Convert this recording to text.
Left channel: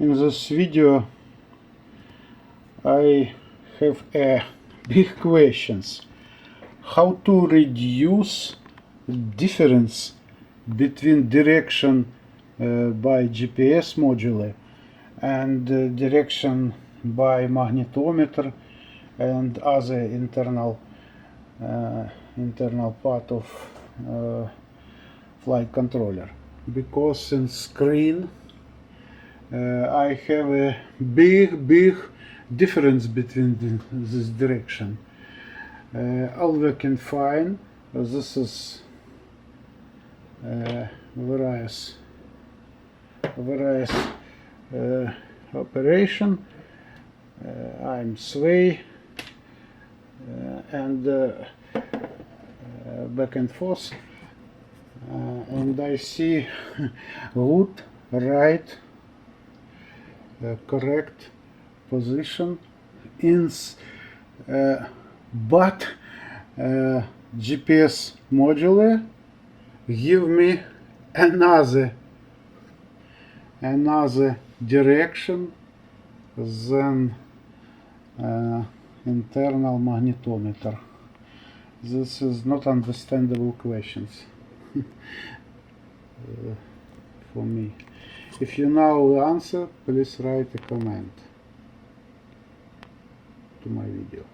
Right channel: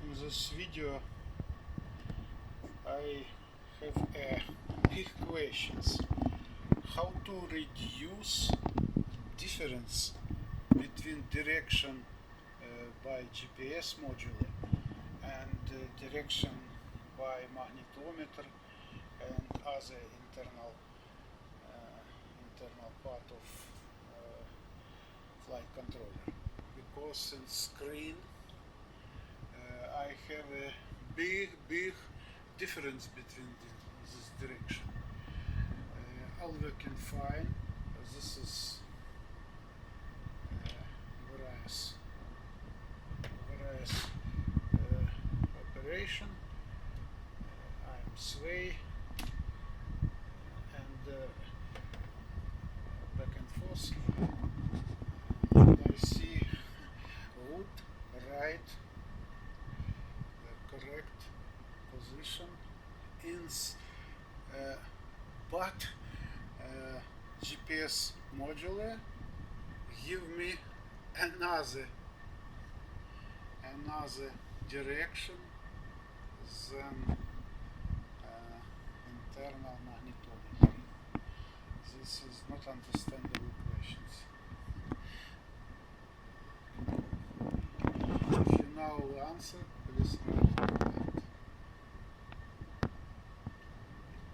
In this video I have a big questions. How to reduce difference between direction by GPS module and direction by magnetometer and other internal part of flight controller, because in screen I have a big difference between this direction. All working fine. This is various operation. I'm sway and back and forth, and I see good, right, correct position in but GPS module give me another direction than internal magnetometer. This is not understandable questions for me. If you know the answer, please write a comment to my video.